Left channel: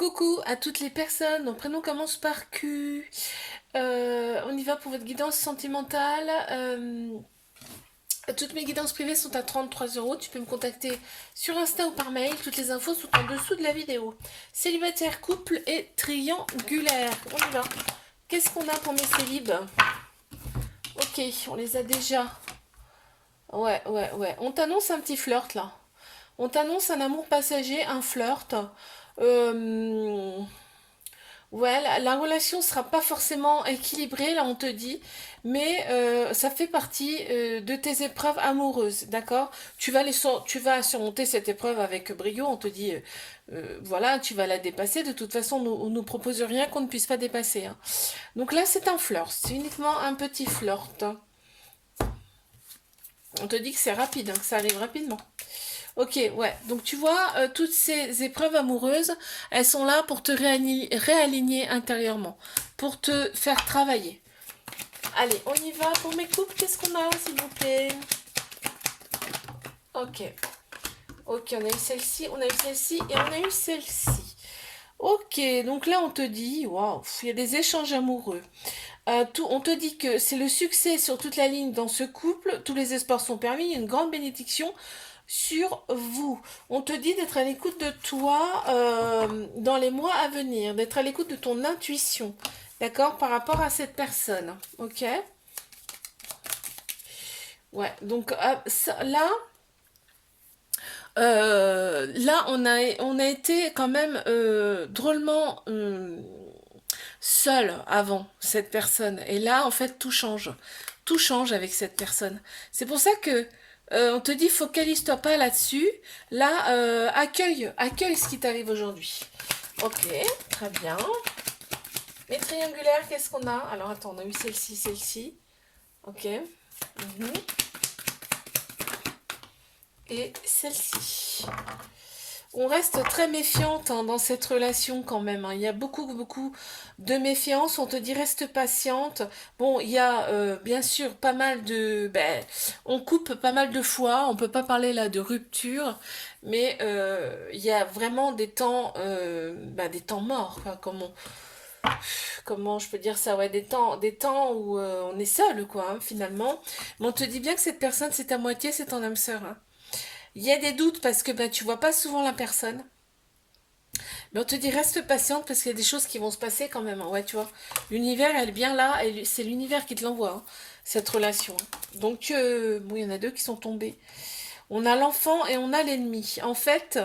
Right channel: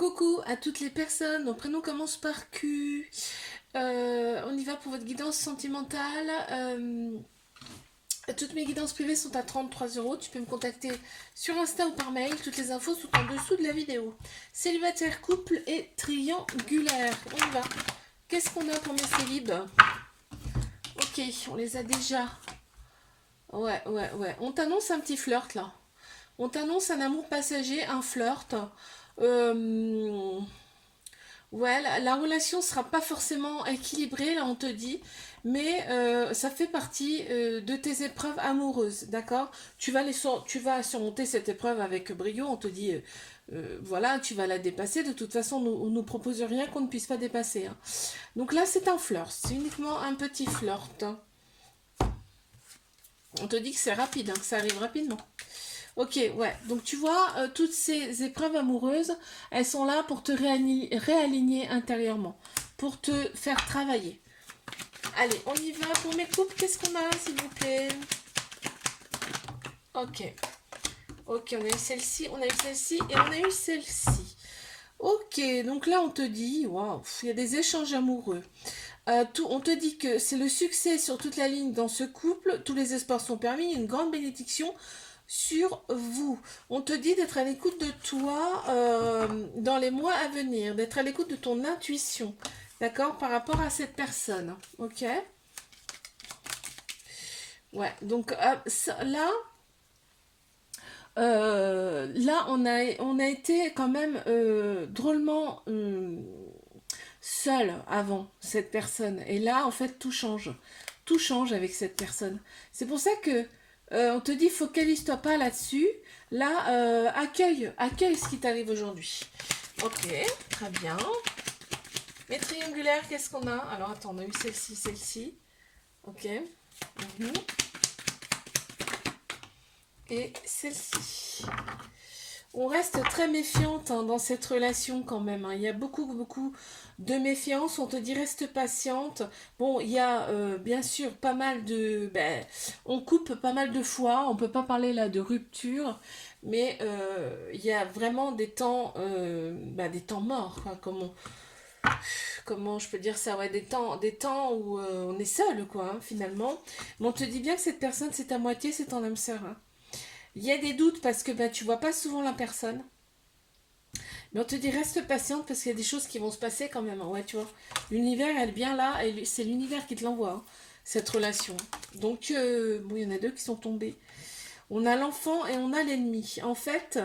Coucou à toutes les personnes, mon prénom commence par Q. On y va pour votre guidance sentimentale. Toutes mes guidances privées sont à 33 €. Tu peux me contacter sur Insta ou par mail. Toutes les infos sont en dessous de la vidéo. Célibataire, couple et triangulaire. On y va. Qu'est-ce qu'on a pour mes célibes? Ok, on les a déjà. Ouais. On t'annonce un petit flirt là. On t'annonce un amour passager, un flirt. Euh, Ouais, la relation sera pas forcément équilibrée, là on te dit, mais ça fait partie de tes épreuves amoureuses, d'accord? Tu vas surmonter cette épreuve avec brio, on te dit, voilà, tu vas la dépasser, de toute façon on nous propose rien qu'on ne puisse pas dépasser, hein. Donc là c'est un flirt, c'est uniquement un petit flirt, hein. On te dit que c'est rapide, hein, que ça arrive rapidement. Ok, ouais. Donc tu vois, toutes ces épreuves amoureuses, elles sont là pour te réaligner intérieurement, pour te faire travailler. Allez, on y va pour mes couples. Qu'est-ce qu'on a, s'il vous plaît? Ok. Ok, on a eu celle-ci, on a eu celle-ci et on a eu celle-ci. Ok, donc là on te dit, waouh, il y a des échanges amoureux. On te dit que c'est le succès sur toute la ligne dans ce couple, tous les espoirs sont permis, il y a une grande bénédiction sur vous. On te dit d'être à l'écoute de toi dans les mois à venir, d'être à l'écoute de ton intuition, d'accord, par rapport à cette personne, ok? Ouais, donc là on a été quand même drôlement seul avant cette personne. Et là, en fait, tout change. Tout change avec cette personne. C'est pour ça que on te dit focalise-toi pas là-dessus. Là, accueille ce qui t'arrive aujourd'hui. Ok, très bien. Mes triangulaires, qu'est-ce qu'on a? Alors attends, on a eu celle-ci, celle-ci. Ok. Mhm. Et celle-ci. On reste très méfiante, hein, dans cette relation quand même, hein. Il y a beaucoup de méfiance. On te dit reste patiente. Bon, il y a bien sûr pas mal de... on coupe pas mal de fois. On peut pas parler là de rupture. Mais il y a vraiment des temps morts, quoi. Comment je peux dire ça? Ouais, des temps où on est seul, quoi, hein, finalement. Mais on te dit bien que cette personne, c'est ta moitié, c'est ton âme sœur, hein. Il y a des doutes parce que tu vois pas souvent la personne. Mais on te dit reste patiente parce qu'il y a des choses qui vont se passer quand même, hein. Ouais, tu vois. L'univers, elle est bien là et c'est l'univers qui te l'envoie, hein, cette relation, hein. Donc, bon, il y en a deux qui sont tombés. On a l'enfant et on a l'ennemi. En fait,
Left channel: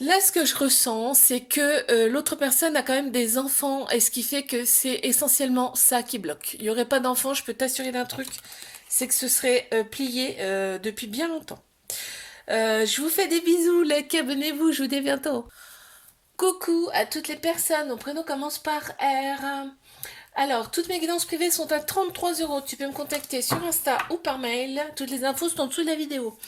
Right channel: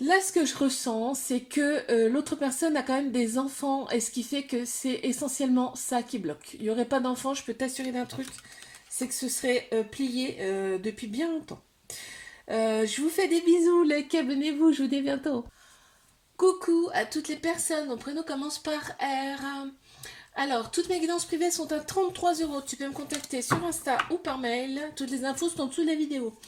là, ce que je ressens, c'est que l'autre personne a quand même des enfants et ce qui fait que c'est essentiellement ça qui bloque. Il n'y aurait pas d'enfant, je peux t'assurer d'un truc, c'est que ce serait plié depuis bien longtemps. Je vous fais des bisous, likez, abonnez-vous, je vous dis à bientôt. Coucou à toutes les personnes, mon prénom commence par R. Alors, toutes mes guidances privées sont à 33 €. Tu peux me contacter sur Insta ou par mail. Toutes les infos sont en dessous de la vidéo.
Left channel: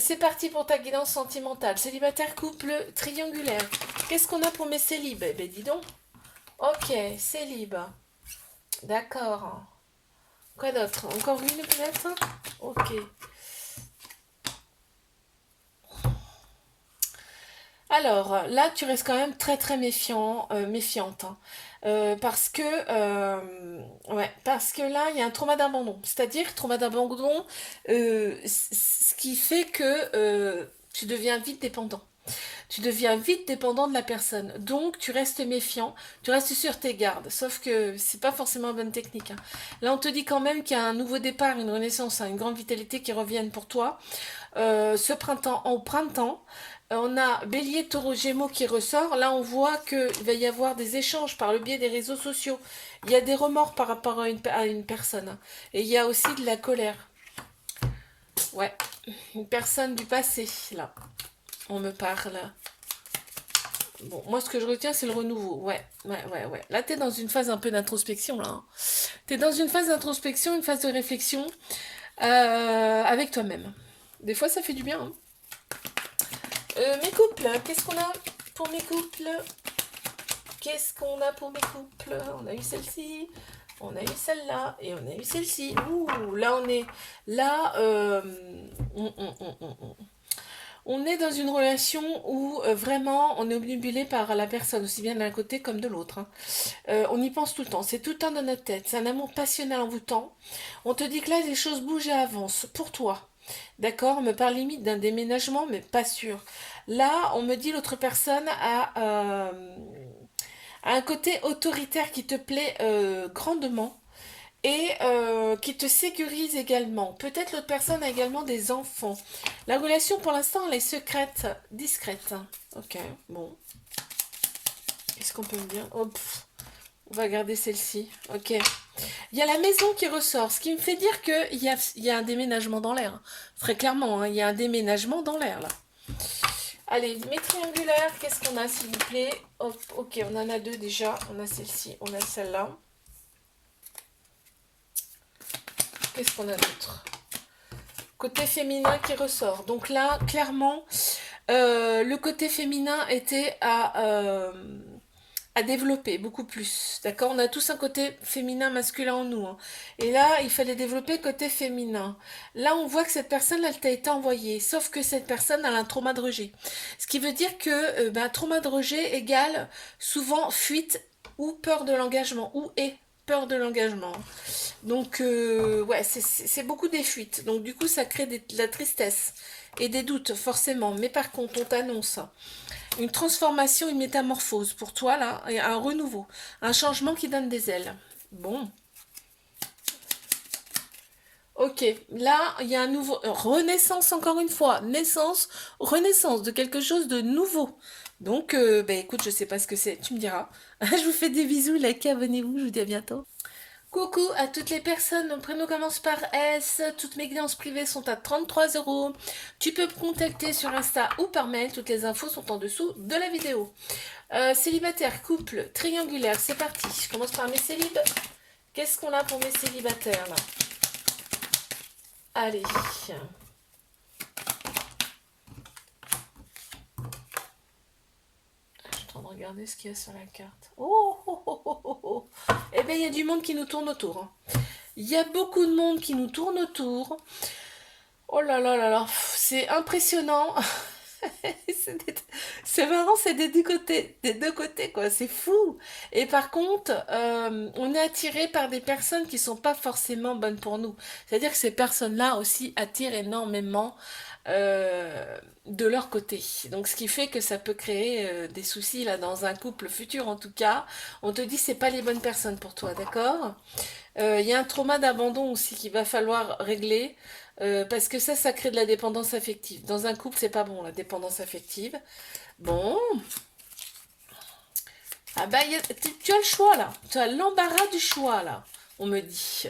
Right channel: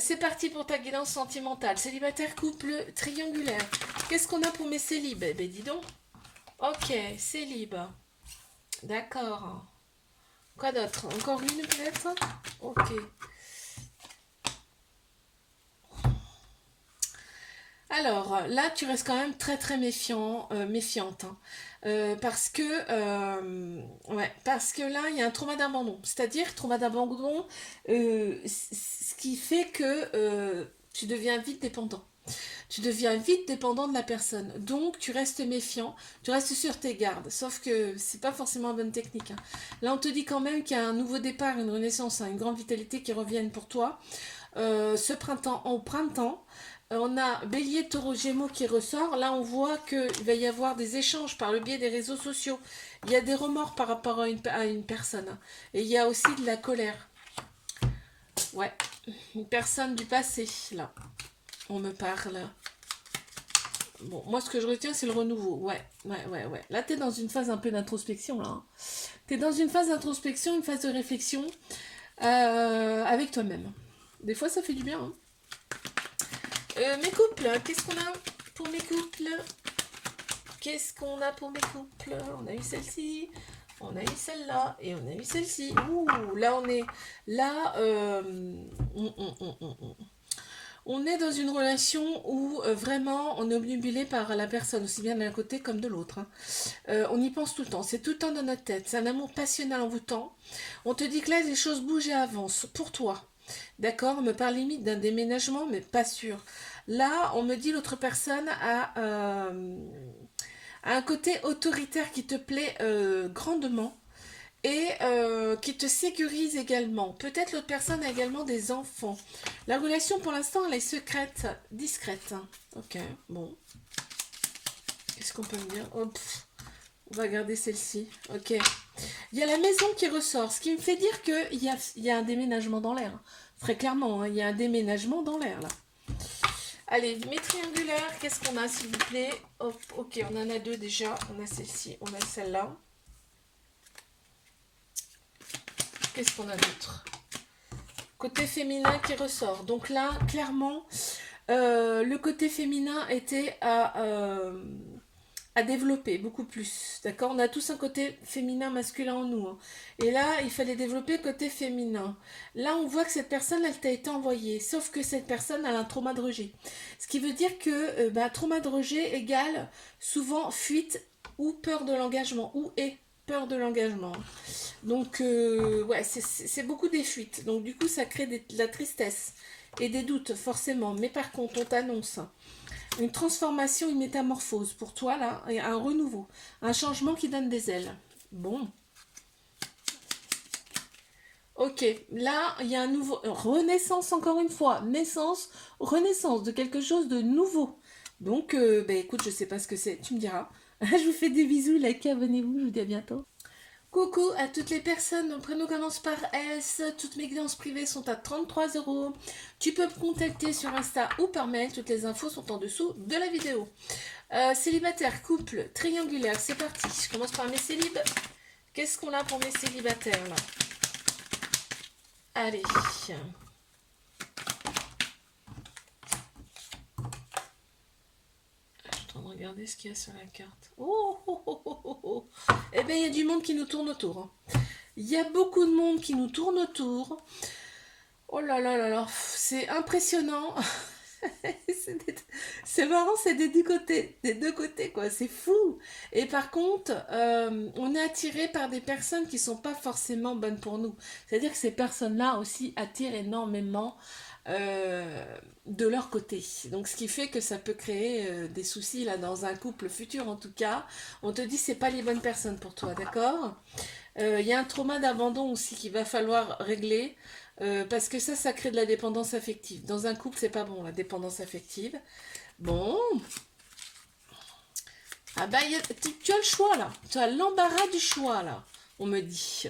C'est parti pour ta guidance sentimentale. Célibataire, couple, triangulaire. Qu'est-ce qu'on a pour mes célibes? Eh ben dis donc. Ok, célib. D'accord. Quoi d'autre? Encore une peut-être? Ok. Alors là, tu restes quand même très méfiante, hein. Parce que ouais, parce que là, il y a un trauma d'abandon. C'est-à-dire trauma d'abandon, ce qui fait que tu deviens vite dépendant. Tu deviens vite dépendant de la personne. Donc, tu restes méfiant, tu restes sur tes gardes. Sauf que c'est pas forcément une bonne technique, hein. Là, on te dit quand même qu'il y a un nouveau départ, une renaissance, hein, une grande vitalité qui reviennent pour toi. Ce printemps, au printemps, on a Bélier, Taureau, Gémeaux qui ressort. Là, on voit qu'il va y avoir des échanges par le biais des réseaux sociaux. Il y a des remords par rapport à une personne, hein. Et il y a aussi de la colère. Ouais, une personne du passé, là. On me parle. Bon, moi, ce que je retiens, c'est le renouveau. Ouais. Là, t'es dans une phase un peu d'introspection, là, hein. T'es dans une phase d'introspection, une phase de réflexion avec toi-même. Des fois, ça fait du bien, hein. Mes couples, qu'est-ce qu'on a pour mes couples? Qu'est-ce qu'on a pour mes couples? On a eu celle-ci, on a eu celle-là et on a eu celle-ci. Ouh, là on est là. On est dans une relation où vraiment on est obnubilé par la personne, aussi bien d'un côté comme de l'autre, hein. On y pense tout le temps, c'est tout le temps dans notre tête, c'est un amour passionnel envoûtant. On te dit que là les choses bougent et avancent pour toi. D'accord, on me parle limite d'un déménagement, mais pas sûr. Là, on me dit l'autre personne a un côté autoritaire qui te plaît grandement et qui te sécurise également. Peut-être l'autre personne a également des enfants. La relation pour l'instant elle est secrète, discrète. Ok, bon. Qu'est-ce qu'on peut me dire? Oh, on va garder celle-ci. Ok. Il y a la maison qui ressort, ce qui me fait dire qu'il y a un déménagement dans l'air. Très clairement, hein, il y a un déménagement dans l'air là. Allez, mes triangulaires, qu'est-ce qu'on a s'il vous plaît? Hop, ok, on en a deux déjà. On a celle-ci, on a celle-là. Qu'est-ce qu'on a d'autre? Côté féminin qui ressort. Donc là, clairement, le côté féminin était à développer beaucoup plus. D'accord? On a tous un côté féminin, masculin en nous, hein. Et là, il fallait développer côté féminin. Là, on voit que cette personne, elle t'a été envoyée. Sauf que cette personne, elle a un trauma de rejet. Ce qui veut dire que trauma de rejet égale souvent fuite ou peur de l'engagement. Ou est peur de l'engagement. Donc, ouais, c'est beaucoup des fuites. Donc, du coup, ça crée de la tristesse et des doutes, forcément. Mais par contre, on t'annonce une transformation, une métamorphose pour toi, là, et un renouveau, un changement qui donne des ailes. Bon, ok, là, il y a un nouveau... Renaissance, encore une fois. Naissance, renaissance de quelque chose de nouveau. Donc, bah, écoute, je sais pas ce que c'est, tu me diras. Je vous fais des bisous, likez, abonnez-vous, je vous dis à bientôt. Coucou à toutes les personnes, mon prénom commence par S, toutes mes guidances privées sont à 33 €. Tu peux me contacter sur Insta ou par mail, toutes les infos sont en dessous de la vidéo. Célibataire, couple, triangulaire, c'est parti. Je commence par mes célibes. Qu'est-ce qu'on a pour mes célibataires là? Allez. Je suis en train de regarder ce qu'il y a sur la carte. Oh, oh, oh, oh, oh, oh. Eh bien, il y a du monde qui nous tourne autour, hein. Il y a beaucoup de monde qui nous tourne autour. Oh là là là là, c'est impressionnant. C'est marrant, c'est des deux côtés, quoi. C'est fou. Et par contre, on est attiré par des personnes qui sont pas forcément bonnes pour nous. C'est-à-dire que ces personnes-là aussi attirent énormément de leur côté. Donc, ce qui fait que ça peut créer des soucis là dans un couple futur, en tout cas. On te dit c'est pas les bonnes personnes pour toi, d'accord? Il y a un trauma d'abandon aussi qu'il va falloir régler. Parce que ça crée de la dépendance affective. Dans un couple, c'est pas bon, la dépendance affective. Bon. Ah bah, tu as le choix, là. Tu as l'embarras du choix, là. On me dit.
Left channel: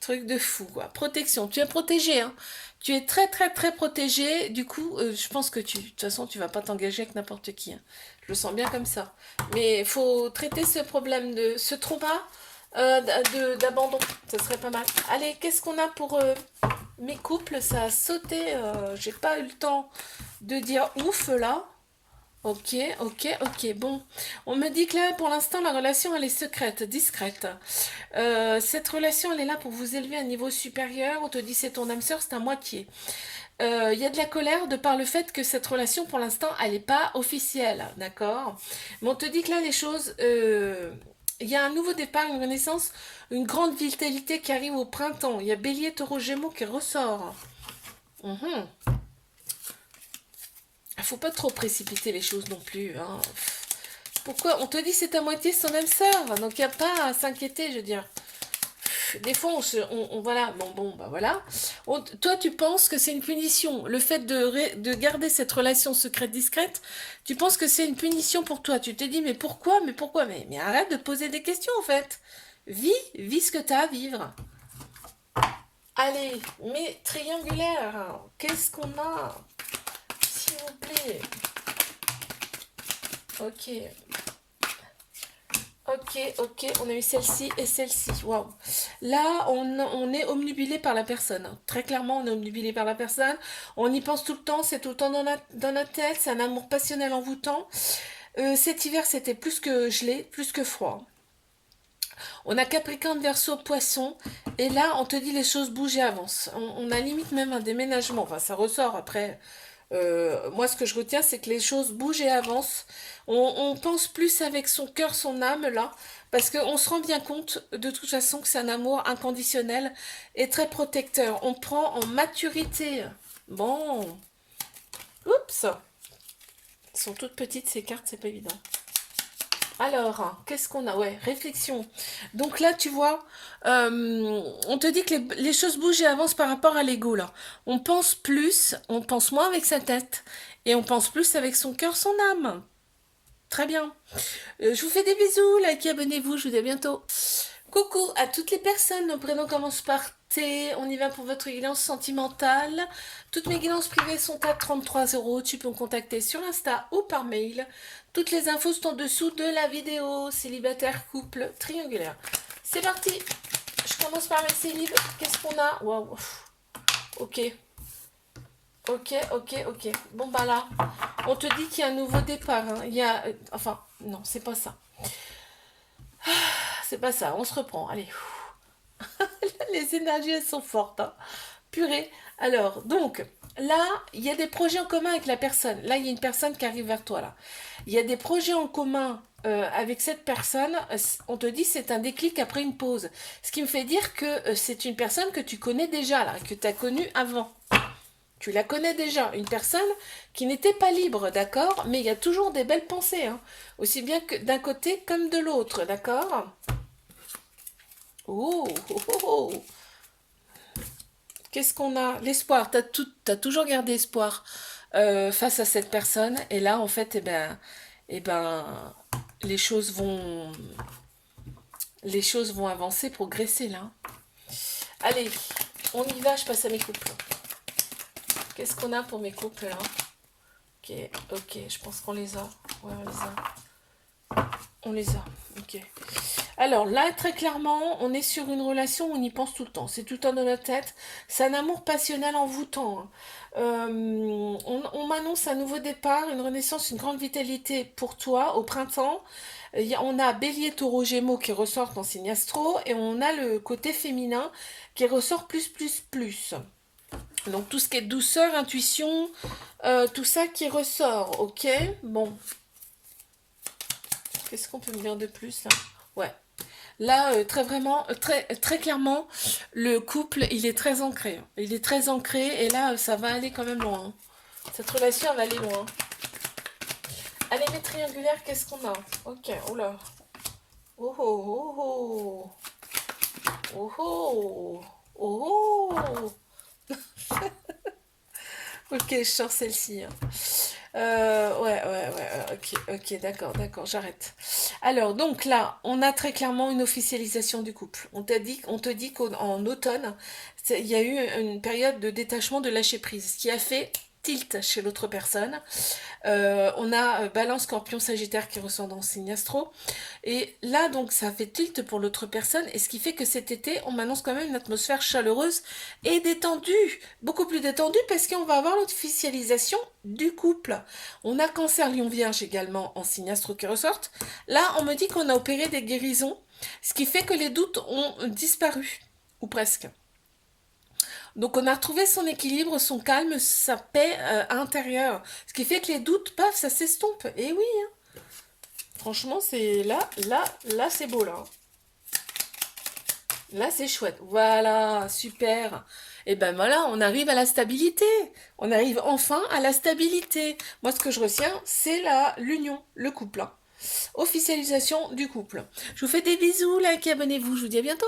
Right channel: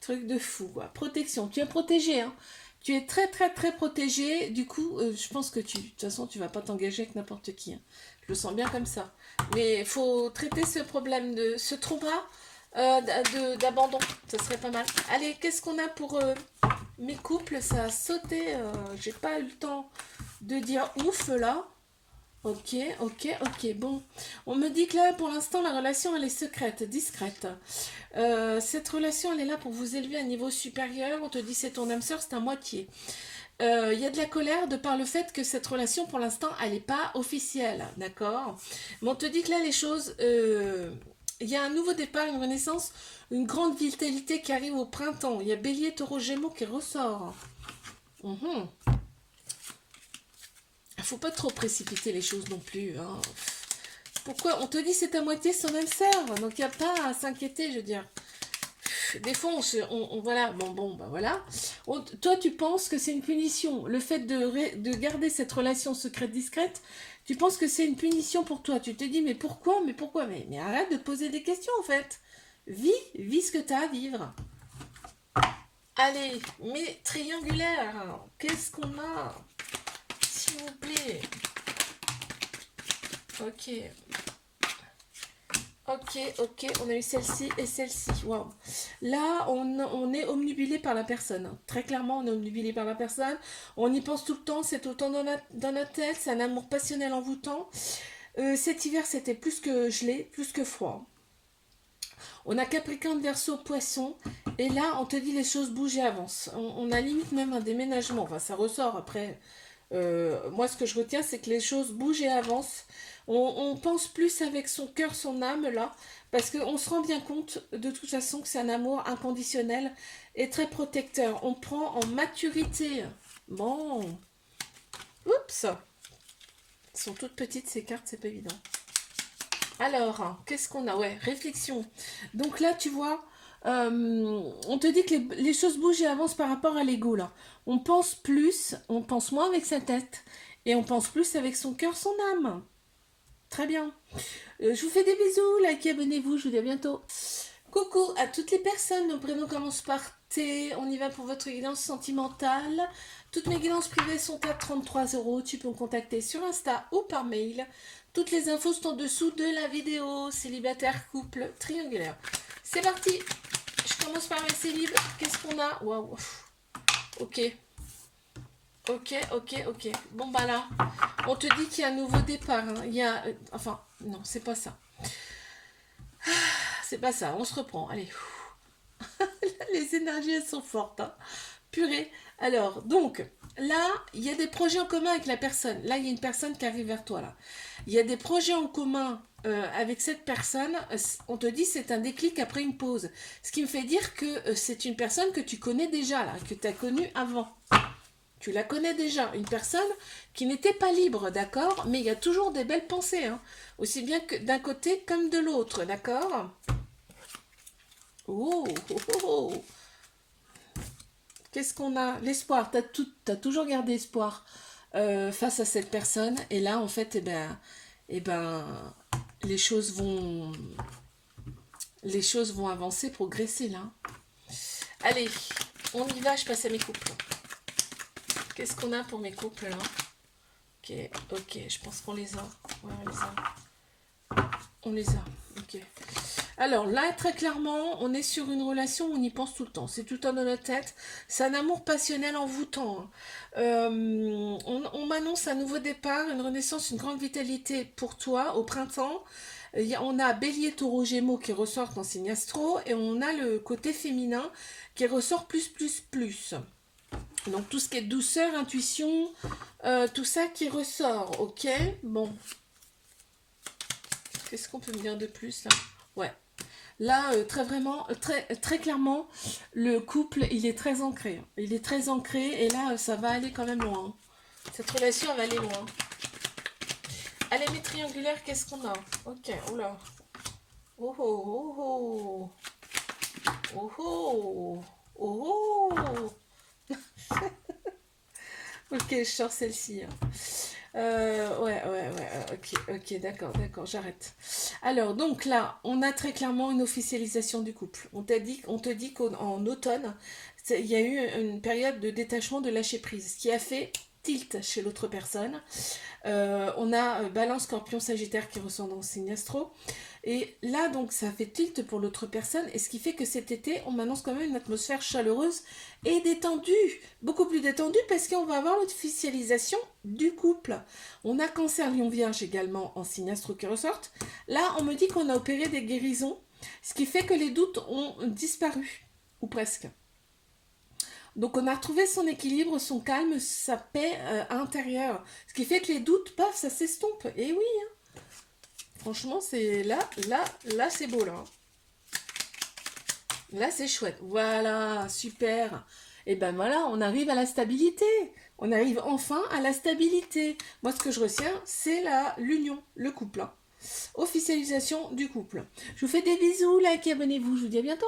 Truc de fou, quoi. Protection. Tu es protégé, hein. Tu es très, très, très protégé. Du coup, je pense que de toute façon, tu vas pas t'engager avec n'importe qui, hein. Je le sens bien comme ça. Mais il faut traiter ce problème de ce trauma d'abandon. Ça serait pas mal. Allez, qu'est-ce qu'on a pour mes couples? Ça a sauté. J'ai pas eu le temps de dire ouf là. Ok, ok, ok. Bon, on me dit que là, pour l'instant, la relation, elle est secrète, discrète. Cette relation, elle est là pour vous élever à un niveau supérieur. On te dit c'est ton âme sœur, c'est à moitié. Il y a de la colère de par le fait que cette relation, pour l'instant, elle n'est pas officielle, d'accord? Mais on te dit que là, les choses... il y a un nouveau départ, une renaissance, une grande vitalité qui arrive au printemps. Il y a Bélier, Taureau, Gémeaux qui ressort. Mhm. Faut pas trop précipiter les choses non plus, hein. Pourquoi? On te dit c'est à moitié son âme sœur, donc il n'y a pas à s'inquiéter, je veux dire. Des fois, voilà, bah voilà. Toi, tu penses que c'est une punition. Le fait de garder cette relation secrète discrète, tu penses que c'est une punition pour toi. Tu te dis, mais pourquoi? Mais arrête de te poser des questions, en fait. Vis ce que tu as à vivre. Allez, mes triangulaires, qu'est-ce qu'on a? S'il vous plaît. Ok. Ok, on a eu celle-ci et celle-ci. Waouh. Là, on est omnubilé par la personne. Très clairement, on est omnubilé par la personne. On y pense tout le temps, c'est tout le temps dans la tête. C'est un amour passionnel envoûtant. Cet hiver, c'était plus que gelé, plus que froid. On a Capricorne, Verseau, Poisson. Et là, on te dit les choses bougent et avancent. On a limite même un déménagement. Enfin, ça ressort après. Moi, ce que je retiens, c'est que les choses bougent et avancent. On pense plus avec son cœur, son âme, là, parce qu'on se rend bien compte, de toute façon, que c'est un amour inconditionnel et très protecteur. On prend en maturité. Bon, oups, elles sont toutes petites, ces cartes, c'est pas évident. Alors, qu'est-ce qu'on a? Ouais, réflexion. Donc là, tu vois, on te dit que les choses bougent et avancent par rapport à l'ego, là. On pense plus, on pense moins avec sa tête, et on pense plus avec son cœur, son âme. Très bien. Je vous fais des bisous, likez, abonnez-vous, je vous dis à bientôt. Coucou à toutes les personnes, nos prénoms commencent par T, on y va pour votre guidance sentimentale. Toutes mes guidances privées sont à 33 euros, tu peux me contacter sur Insta ou par mail. Toutes les infos sont en dessous de la vidéo, célibataire, couple, triangulaire. C'est parti, je commence par mes célibes, qu'est-ce qu'on a? Waouh, ok. Ok. Bon bah là, on te dit qu'il y a un nouveau départ. Hein. Il y a, enfin, non, c'est pas ça. C'est pas ça. On se reprend. Allez. Les énergies elles sont fortes. Hein. Purée. Alors, donc, là, il y a des projets en commun avec la personne. Là, il y a une personne qui arrive vers toi. Là. Il y a des projets en commun avec cette personne. On te dit c'est un déclic après une pause. Ce qui me fait dire que c'est une personne que tu connais déjà, là, que tu as connue avant. Tu la connais déjà, une personne qui n'était pas libre, d'accord? Mais il y a toujours des belles pensées, hein? Aussi bien que d'un côté comme de l'autre, d'accord? Oh, oh, oh, oh. Qu'est-ce qu'on a? L'espoir, t'as toujours gardé espoir face à cette personne, et là, en fait, eh ben, les choses vont, les choses vont avancer, progresser, là. Allez, on y va, je passe à mes couples. Qu'est-ce qu'on a pour mes couples, là? Ok, je pense qu'on les a. Ouais, on les a. On les a, ok. Alors là, très clairement, on est sur une relation où on y pense tout le temps. C'est tout le temps dans la tête. C'est un amour passionnel envoûtant. Hein. On m'annonce un nouveau départ, une renaissance, une grande vitalité pour toi au printemps. On a Bélier, Taureau, Gémeaux qui ressortent en signe astro et on a le côté féminin qui ressort plus. Donc tout ce qui est douceur, intuition, tout ça qui ressort, ok? Bon, qu'est-ce qu'on peut me dire de plus là? Ouais. Là, très clairement, le couple, il est très ancré. Il est très ancré et là, ça va aller quand même loin. Cette relation, elle va aller loin. Allez, mes triangulaires, qu'est-ce qu'on a? Ok, oula. Oh oh oh oh oh oh oh. Ok, je sors celle-ci. Hein. Ok, d'accord, j'arrête. Alors, donc là, on a très clairement une officialisation du couple. On te dit qu'en automne, il y a eu une période de détachement, de lâcher prise, ce qui a fait tilt chez l'autre personne. On a Balance, Scorpion, Sagittaire qui ressort dans le signe astro. Et là, donc, ça fait tilt pour l'autre personne. Et ce qui fait que cet été, on m'annonce quand même une atmosphère chaleureuse et détendue. Beaucoup plus détendue parce qu'on va avoir l'officialisation du couple. On a Cancer, Lion, Vierge également en signe astro qui ressortent. Là, on me dit qu'on a opéré des guérisons. Ce qui fait que les doutes ont disparu. Ou presque. Donc on a retrouvé son équilibre, son calme, sa paix intérieure. Ce qui fait que les doutes, paf, ça s'estompe. Et oui, hein. Franchement, c'est là, c'est beau là. Là, c'est chouette. Voilà, super. Et ben voilà, on arrive à la stabilité. On arrive enfin à la stabilité. Moi, ce que je retiens, c'est l'union, le couple. Hein. Officialisation du couple. Je vous fais des bisous, likez, abonnez-vous. Je vous dis à bientôt.